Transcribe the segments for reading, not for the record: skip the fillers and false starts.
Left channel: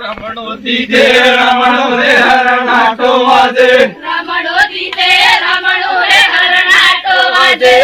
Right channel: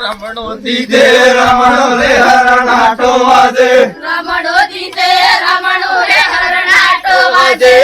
રમણો દીધે રમણો રે હરણાટો વાજે રમણો દીધે રમણો રે હરણાટો વાજે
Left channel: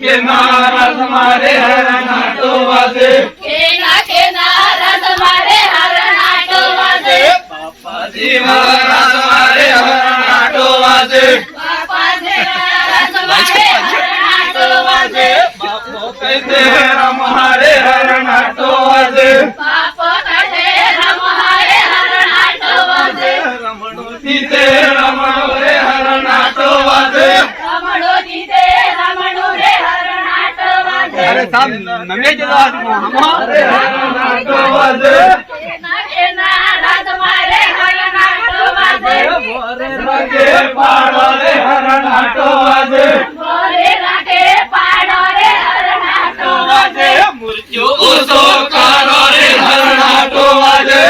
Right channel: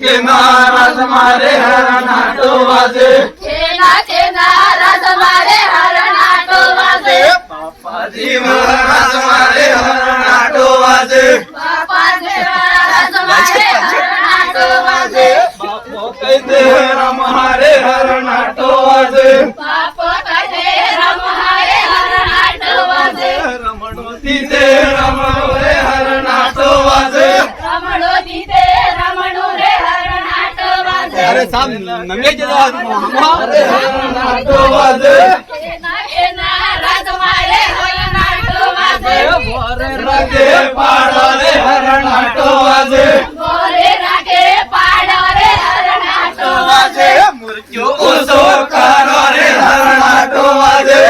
કેના રાજ મારે હરણાટો વાજે કેના રાજ મારે હરણાટો વાજે બાપાજી રાજ મારે હરણાટો વાજે બાપાજી રાજ મારે હરણાટો વાજે બાપો કહે રમારે હરણાટો વાજે બાપો કહે રમારે હરણાટો વાજે રમણો દીધે રમણો રે હરણાટો વાજે રમણો દીધે રમણો રે હરણાટો વાજે અરે સાહેબ નમે જેલો હમારે હરણાટો વાજે કેના રાજ મારે હરણાટો વાજે મોરે રાગે પાડો રે હરણાટો વાજે મોરે રાગે પાડો રે હરણાટો વાજે મુરજો ઓસો કારો રે હરણાટો વાજે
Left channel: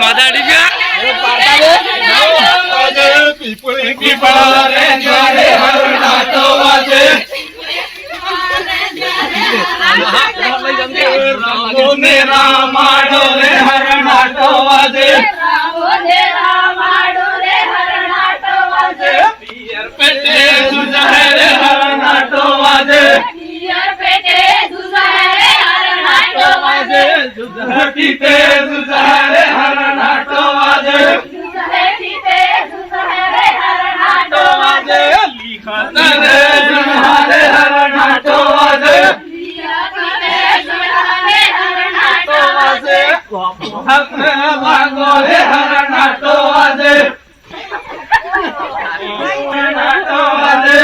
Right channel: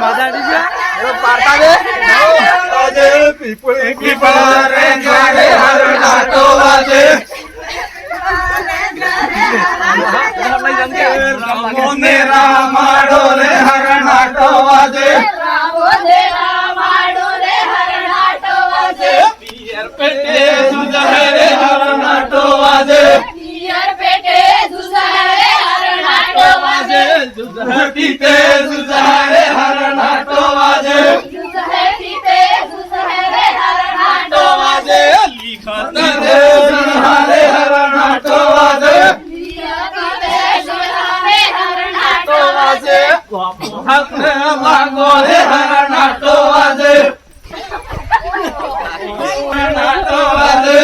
માદાડી ગયા પાડતા દે વાજે પીપળી પીપળા રે જાડે હરણાટો વાજે રામો ને રામાડો રે હરણાટો વાજે રામો ને રામાડો રે હરણાટો વાજે પિયર પેટે સુજહે રે હરણાટો વાજે પિયર પેટે સુજહે રે હરણાટો વાજે સુજહે પીતે સુજહે હરણાટો વાજે સુજહે પીતે સુજહે રે હરણાટો વાજે લીખત રે જણહારે હરણાટો વાજે લાગો રે હરણાટો વાજે હરણાટો વાજે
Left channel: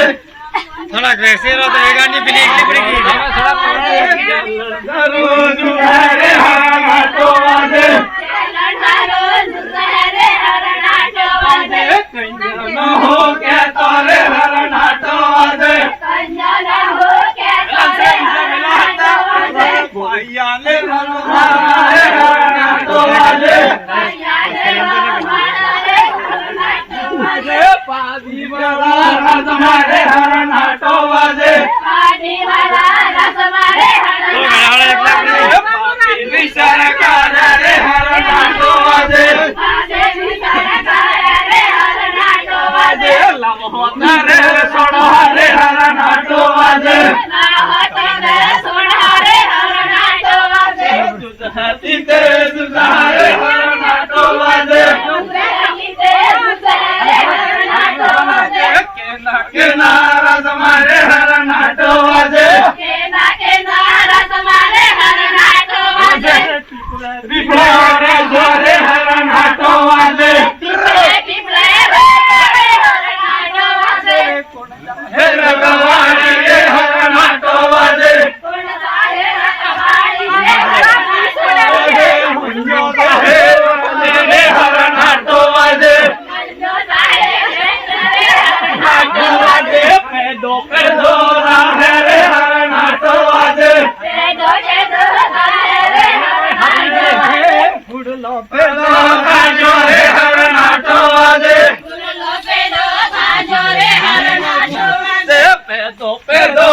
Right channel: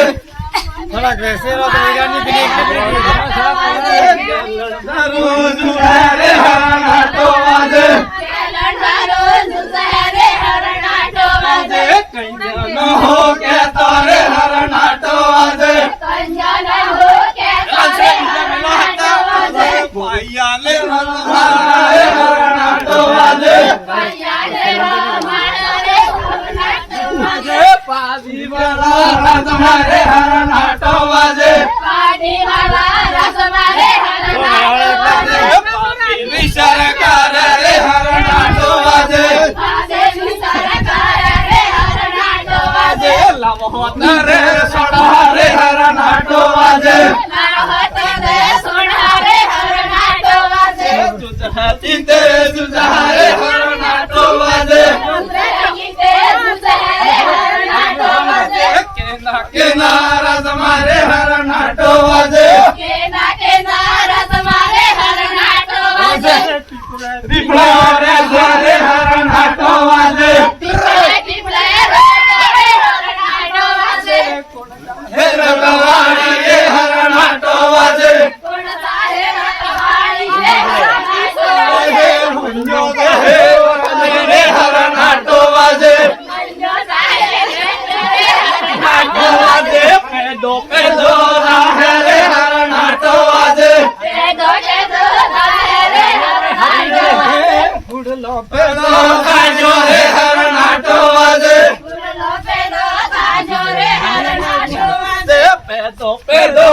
થોડા ગ્રેસેરા તો એગાની પેલી એકલી પડી ગઈ રોજ ઉધારે હરણાટો વાજે લંડારો સુજહે રે હરણાટો વાજે કૈયા ન હો કે તારે હરણાટો વાજે કંજન હો કે તારે હરણાટો વાજે પાયાલે રંધારે હરણાટો વાજે કૈયાલે રમાડો રે હરણાટો વાજે પાદી વાળા રાજ મારે હરણાટો વાજે પાડી વાલા રસ મારે હરણાટો વાજે પાદી વિસરકાર રે હરણાટો વાજે પાડે વિસરકાર રે હરણાટો વાજે લમહોત રે સોડા રે હરણાટો વાજે ના હોતે રે સોડા રે હરણાટો વાજે સુજહતી તે સુજહારે હરણાટો વાજે ગીતે સુજહે રે હરણાટો વાજે કેના રાજ મારે હરણાટો વાજે કેના રસ મારે હરણાટો વાજે પીપળા રે જારે હરણાટો વાજે પીપળે રે હરણાટો વાજે હે રગવાડી રે હરણાટો વાજે કોણ સાહે રખવાડી રે હરણાટો હે મુંજો દે રે હરણાટો વાજે મંજો સાહે રે હરણાટો વાજે પેદો પેદો રાહે રે હરણાટો વાજે પેદો સાહે રે હરણાટો વાજે ફૂડલો પેદો કાજો રે હરણાટો વાજે ફૂલો પેદો કાજો રે હરણાટો વાજે પેદો પેદો